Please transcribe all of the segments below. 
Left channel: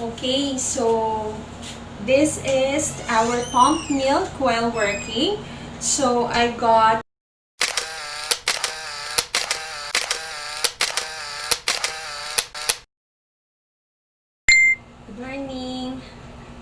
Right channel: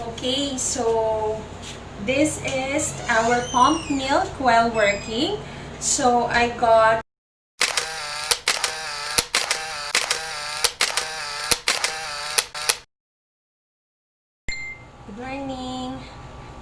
Okay, so this is our pump milk while working. So I got good morning.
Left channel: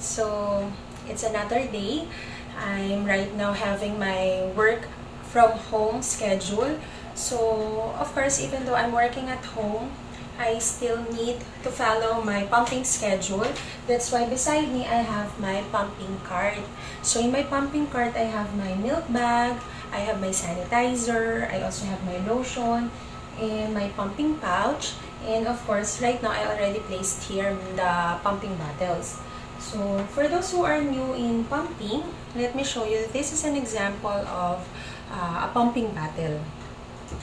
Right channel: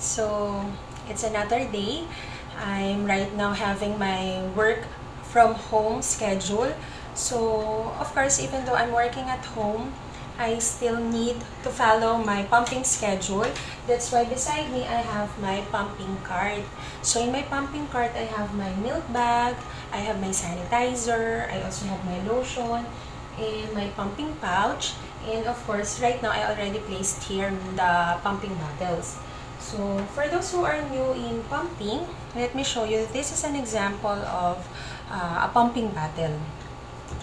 So it's another day. I'm right now having my work from home schedule. So of course, even though I'm working at home, I still need to follow my pumping schedule. That's why beside me I have my pumping cart. So in my pumping cart I have my milk bag, I have my sanitizer, I also have my lotion, and my pumping pouch. And of course, right now I already placed here the pumping bottles. So for those who are new in pumping, let me show you. This is an example of a pumping bottle.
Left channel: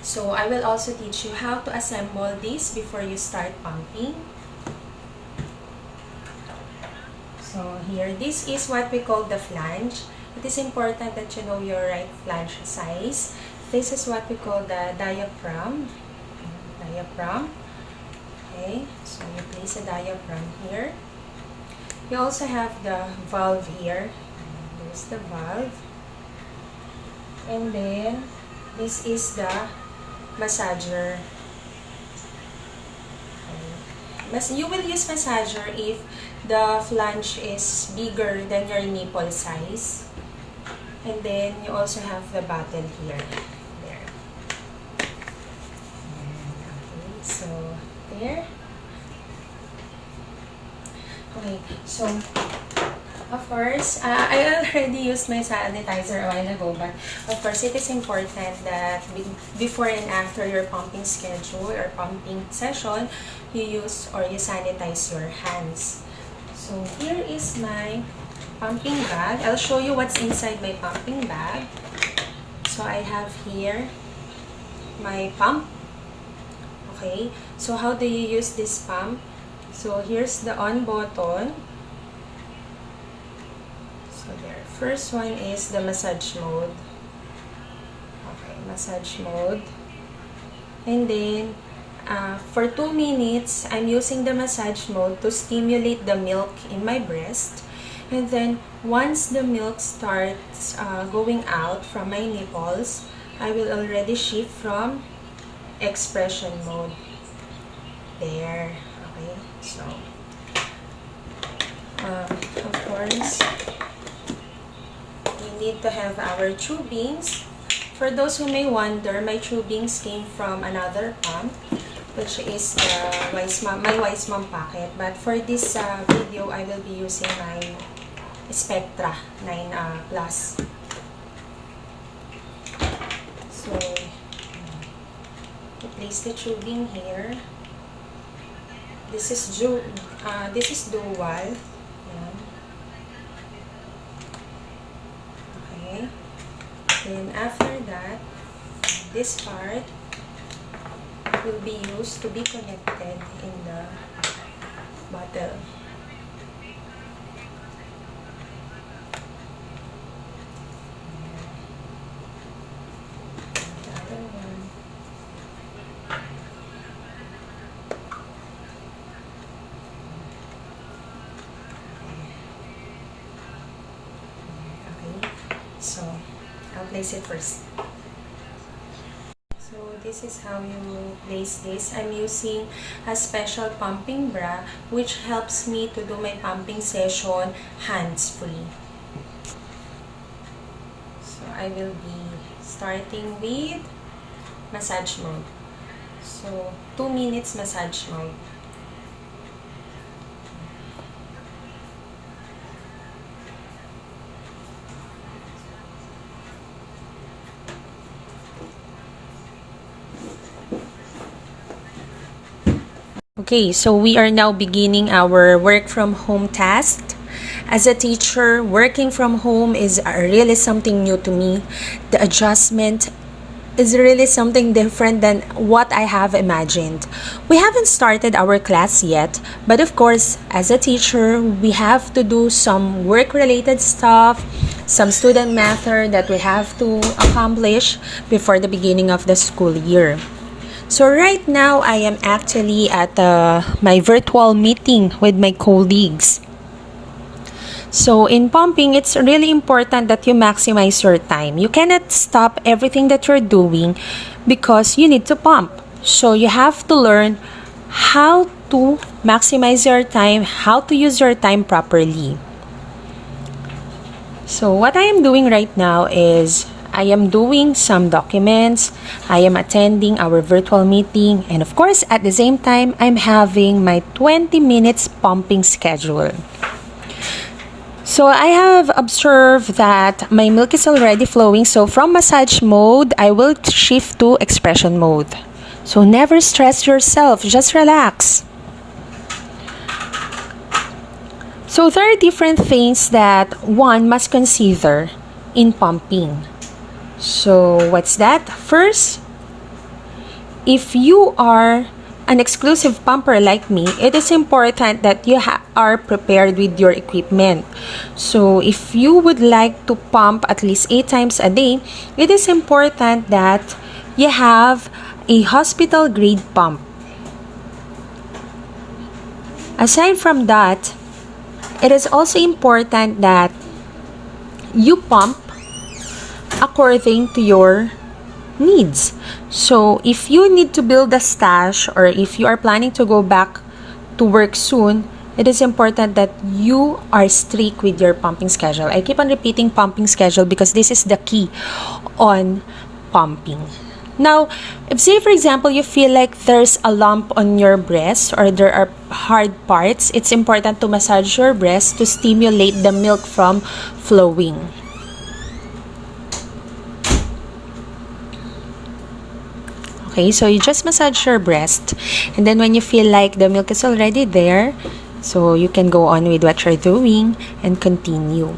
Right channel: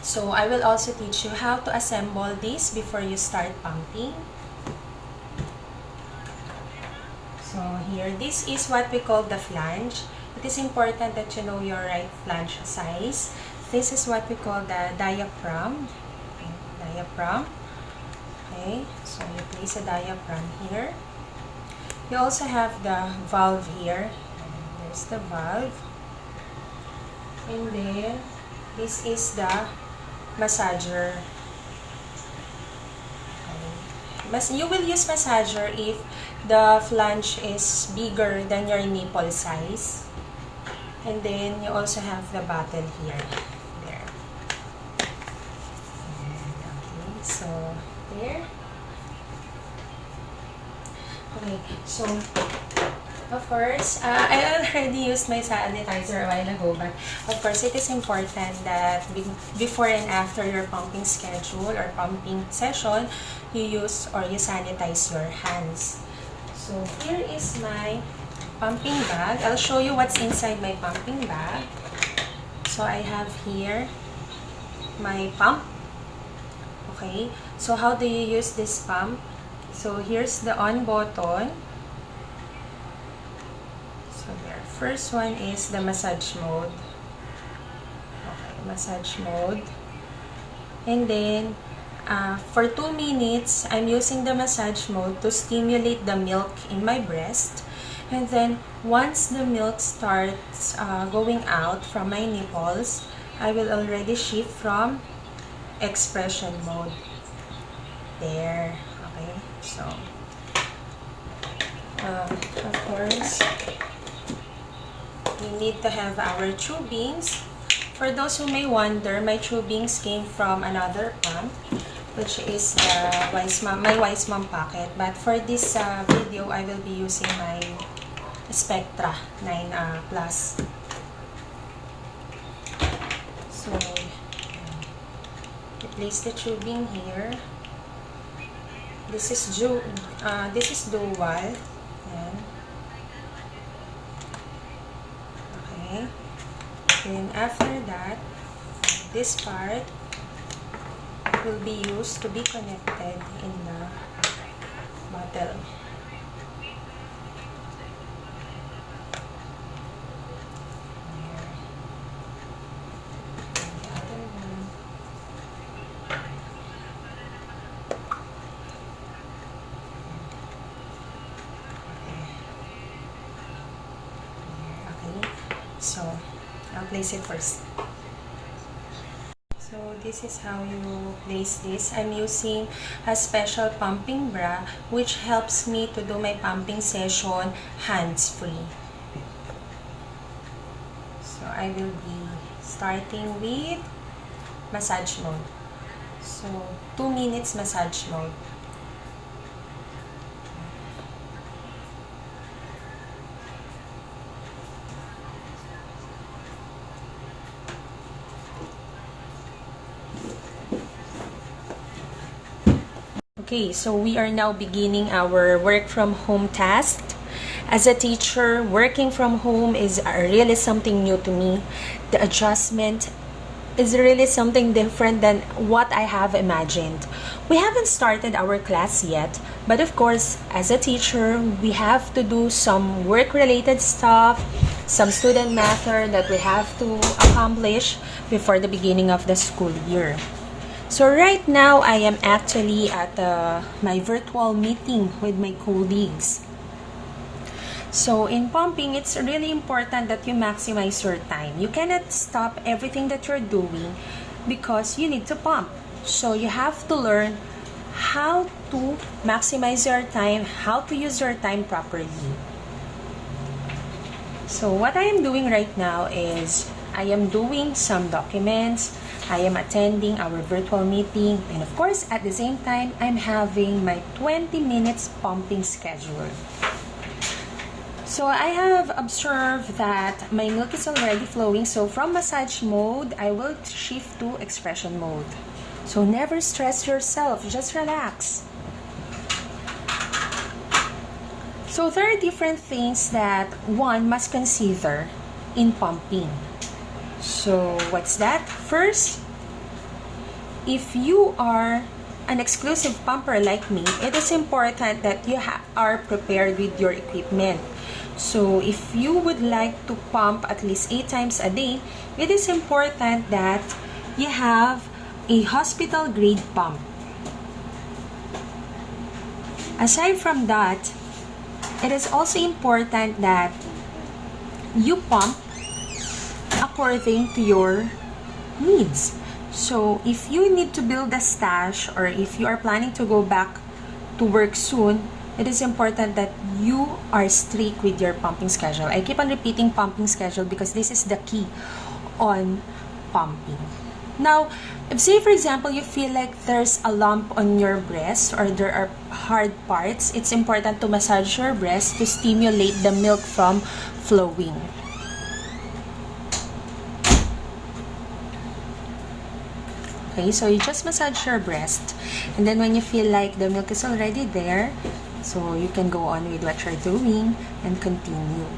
So I will also teach you how to assemble this before you start pumping. So here, this is what we call the flange. It is important that you know your right flange size. This is what we call the diaphragm. Okay, diaphragm. Okay, so you place a diaphragm here. You also have the valve here. There's the valve. And then, this is the massager. Okay. You will use massager if the flange is bigger than your nipple size. And then, you also have the bottle here. There. Okay, so, there. Okay, so of course, I already used my sanitizer a while ago, but of course, it is important that before and after your pumping schedule or pumping session, you use or you sanitize your hands. So here is my pumping bag. I'll show you what's inside my pumping bag. So I have here my pump. Okay, so how do you use this pump? So here's the on button. So there. First one is the massage mode. Okay, massage mode. And then, for 2 minutes, I'm using the massage mode to stimulate the milk in my breast. And then, once the milk starts going out from my nipples, I will already shift from expression mode. There. Okay, so of course we need to have our tubings. For those who may wonder, my tubings came from another pump, which is the my Wise Mom Pocket. But for this video, I will be using my Spectra 9 Plus. So we place the tubing here. This is dual. Yan. Okay. Then after that, this part will be used to be connected in the bottle. So, I'll place it first. So, this is how you place this. I'm using a special pumping bra which helps me to do my pumping session hands-free. So, I will be starting with massage mode. So, 2 minutes massage mode. Okay, so we are now beginning our work from home task. As a teacher, working from home is really something new to me. The adjustment is really something different than what I have imagined. We haven't started our class yet, but of course, as a teacher, we have to do some work-related stuff, some student matter that we have to accomplish before the beginning of the school year. So right now, I am actually at my virtual meeting with my colleagues. So in pumping, it's really important that you maximize your time. You cannot stop everything that you're doing because you need to pump. So you have to learn how to maximize your time, how to use your time properly. So what I am doing right now is I am doing some documents, I am attending our virtual meeting, and of course at the same time I'm having my 20 minutes pumping schedule. So I have observed that my milk is already flowing, so from massage mode, I will shift to expression mode. So never stress yourself, just relax. So there are different things that one must consider in pumping. So what's that? First, if you are an exclusive pumper like me, it is important that you are prepared with your equipment. So if you would like to pump at least 8 times a day, it is important that you have a hospital grade pump. Aside from that, it is also important that you pump according to your needs. So if you need to build a stash or if you are planning to go back to work soon, it is important that you are strict with your pumping schedule. I keep on repeating pumping schedule because this is the key on pumping. Now, if say for example you feel like there's a lump on your breast or there are hard parts, it's important to massage your breast to stimulate the milk from flowing. Okay, so you just massage your breast, and then when you feel like the milk is already there, so you can go on with what you're doing and continue.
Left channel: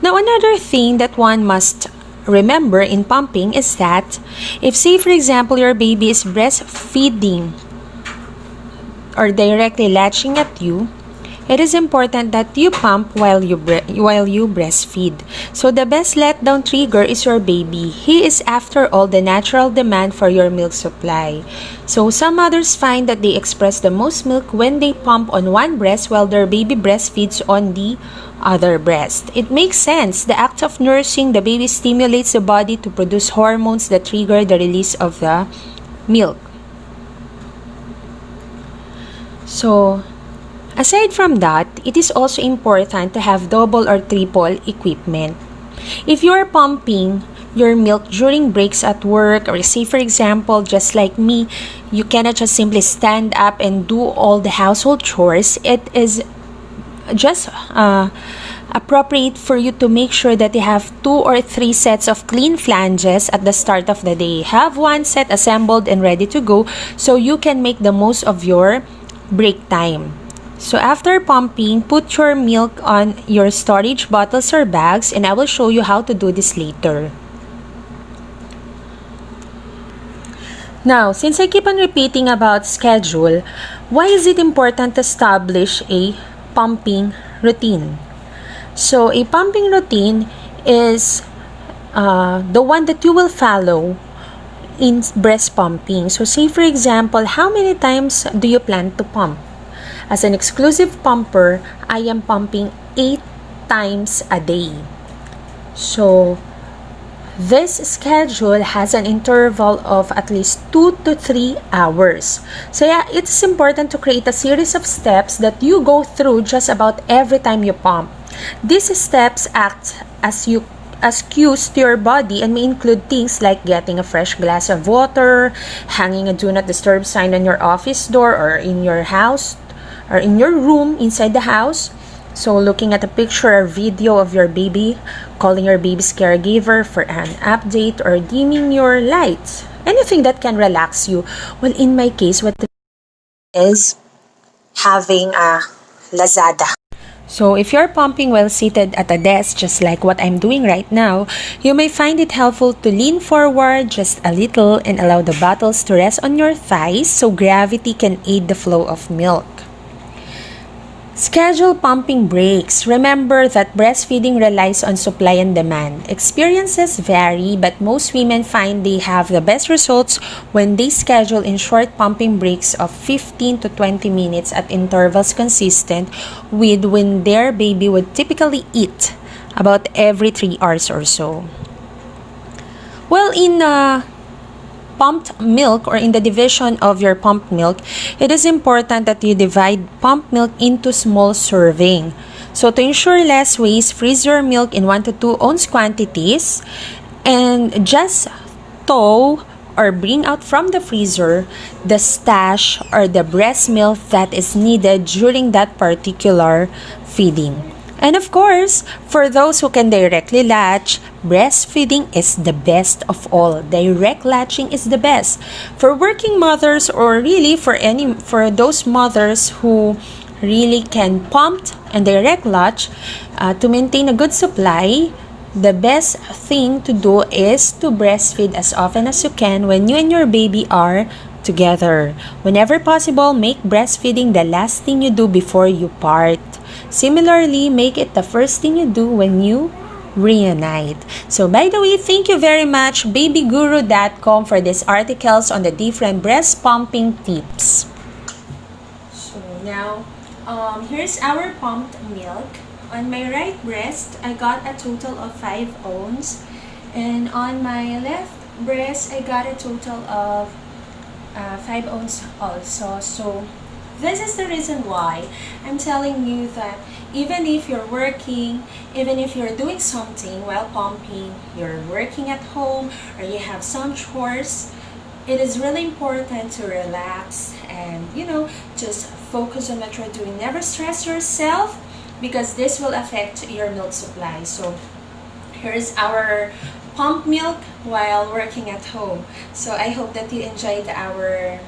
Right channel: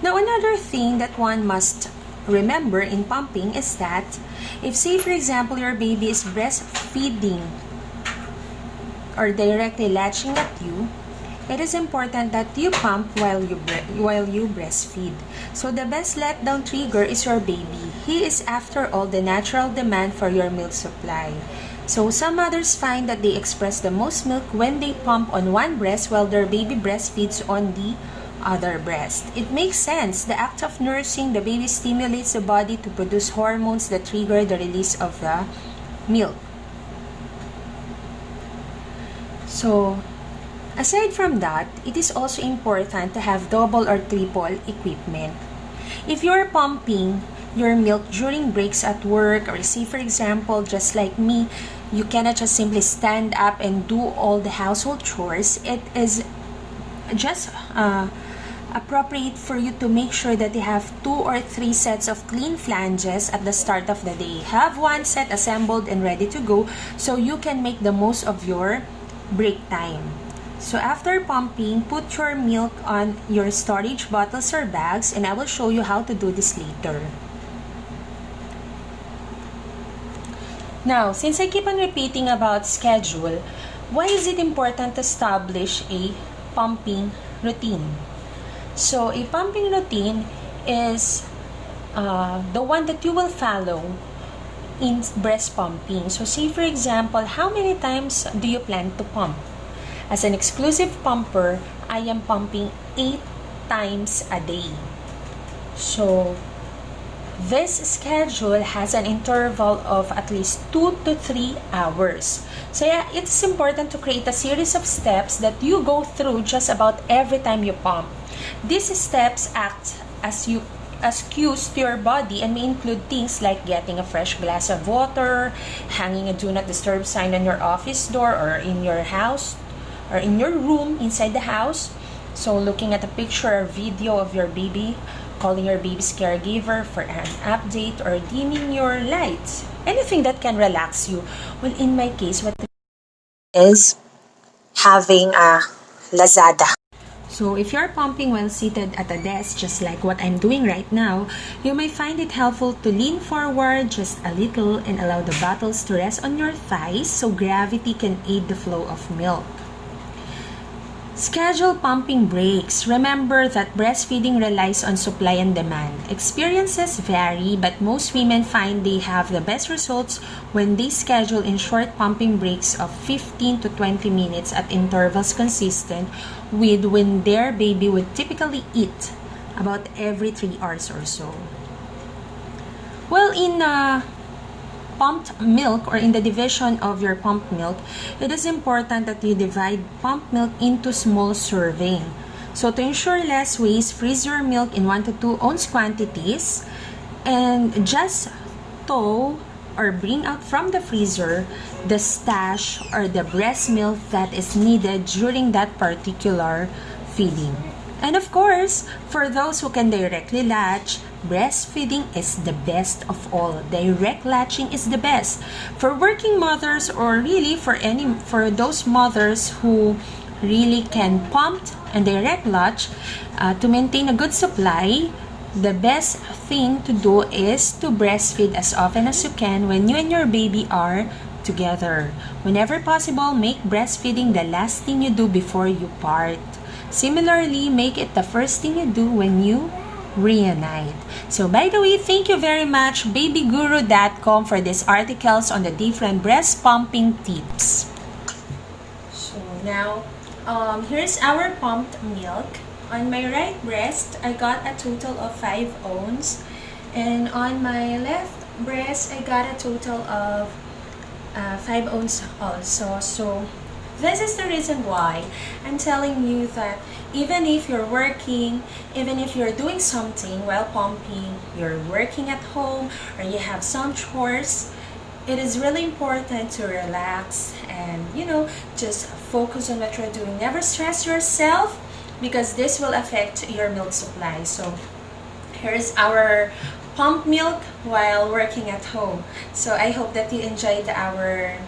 Now, another thing that one must remember in pumping is that if say for example your baby is breastfeeding or directly latching at you, it is important that you pump while you breastfeed. So the best letdown trigger is your baby. He is after all the natural demand for your milk supply. So some mothers find that they express the most milk when they pump on one breast while their baby breastfeeds on the other breast. It makes sense. The act of nursing the baby stimulates the body to produce hormones that trigger the release of the milk. So aside from that, it is also important to have double or triple equipment. If you are pumping your milk during breaks at work, or say for example, just like me, you cannot just simply stand up and do all the household chores. It is just appropriate for you to make sure that you have 2 or 3 sets of clean flanges at the start of the day. Have one set assembled and ready to go so you can make the most of your break time. So after pumping, put your milk on your storage bottles or bags, and I will show you how to do this later. Now, since I keep on repeating about schedule, why is it important to establish a pumping routine? So a pumping routine is the one that you will follow in breast pumping. So say for example, how many times do you plan to pump? As an exclusive pumper, I am pumping 8 times a day. So this schedule has an interval of at least 2 to 3 hours. So yeah, it's important to create a series of steps that you go through just about every time you pump. These steps act as cues to your body and may include things like getting a fresh glass of water, hanging a do not disturb sign on your office door or in your house or in your room inside the house. So looking at a picture or video of your baby, calling your baby's caregiver for an update, or dimming your lights. Anything that can relax you. Well, in my case, what is having a Lazada. So if you're pumping while seated at a desk, just like what I'm doing right now, you may find it helpful to lean forward just a little and allow the bottles to rest on your thighs so gravity can aid the flow of milk. Schedule pumping breaks. Remember that breastfeeding relies on supply and demand. Experiences vary, but most women find they have the best results when they schedule in short pumping breaks of 15 to 20 minutes at intervals consistent with when their baby would typically eat, about every 3 hours or so. Well, in pumped milk, or in the division of your pumped milk, it is important that you divide pumped milk into small serving. So to ensure less waste, freeze your milk in 1 to 2 ounce quantities and just thaw or bring out from the freezer the stash or the breast milk that is needed during that particular feeding. And of course, for those who can directly latch, breastfeeding is the best of all. Direct latching is the best. For working mothers, or really for those mothers who really can pump and direct latch, to maintain a good supply, the best thing to do is to breastfeed as often as you can when you and your baby are together. Whenever possible, make breastfeeding the last thing you do before you part. Similarly, make it the first thing you do when you reunite. So by the way, thank you very much babyguru.com for these articles on the different breast pumping tips. So now, here's our pumped milk. On my right breast, I got a total of 5 ounces. And on my left breast, I got a total of 5 ounces also. So this is the reason why I'm telling you that even if you're working, even if you're doing something while pumping, you're working at home, or you have some chores, it is really important to relax and, just focus on what you're doing. Never stress yourself, because this will affect your milk supply. So here's our pump milk while working at home. So I hope that you enjoyed our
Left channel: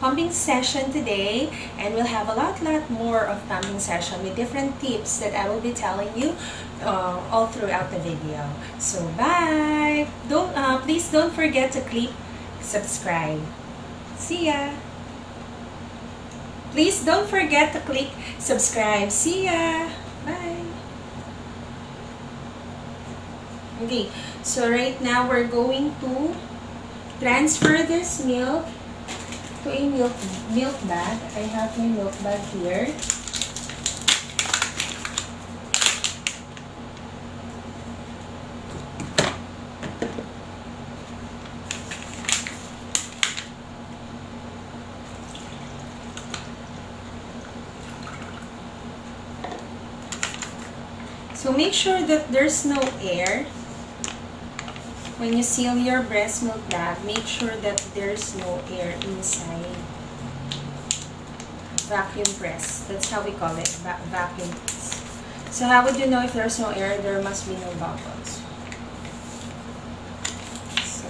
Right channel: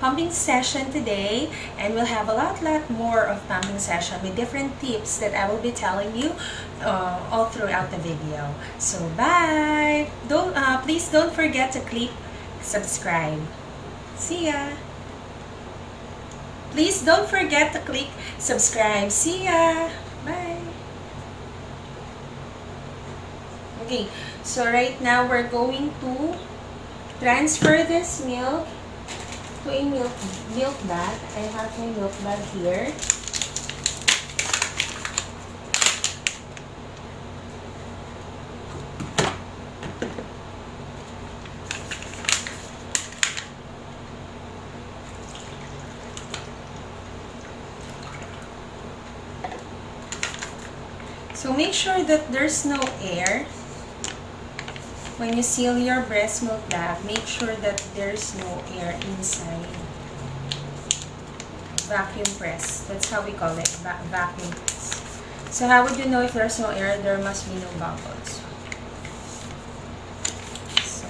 pumping session today, and we'll have a lot more of pumping session with different tips that I will be telling you all throughout the video. So bye. Please don't forget to click subscribe. See ya. Please don't forget to click subscribe. See ya. Bye. Okay, so right now we're going to transfer this milk to a milk bag. I have my milk bag here. So make sure that there's no air. When you seal your breast milk bag, make sure that there's no air inside. Vacuum press. That's how we call it. Vacuum press. So how would you know if there's no air? There must be no bubbles. So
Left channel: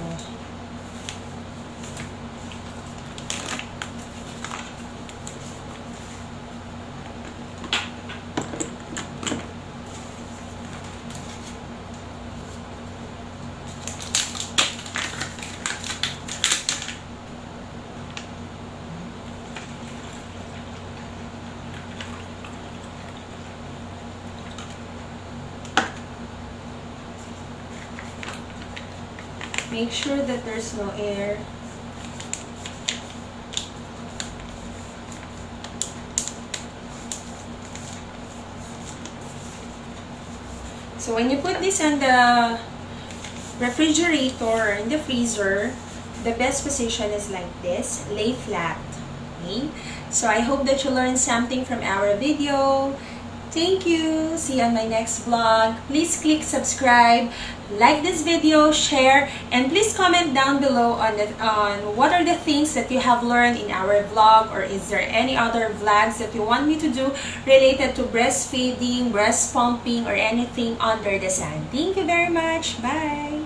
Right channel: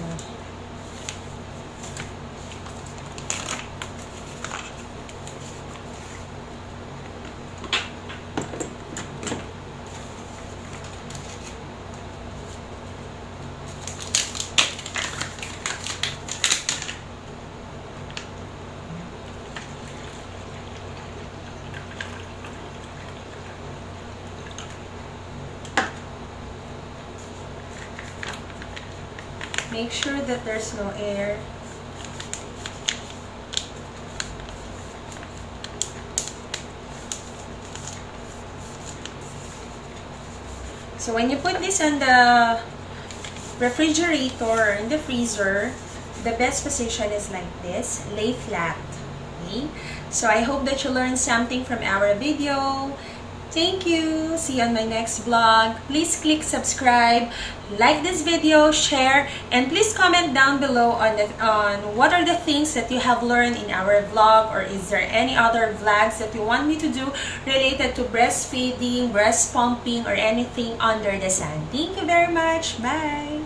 make sure that there's no air. So when you put this on the refrigerator or in the freezer, the best position is like this, lay flat. Okay? So I hope that you learned something from our video. Thank you. See you on my next vlog. Please click subscribe, like this video, share, and please comment down below on what are the things that you have learned in our vlog, or is there any other vlogs that you want me to do related to breastfeeding, breast pumping, or anything under the sun. Thank you very much. Bye.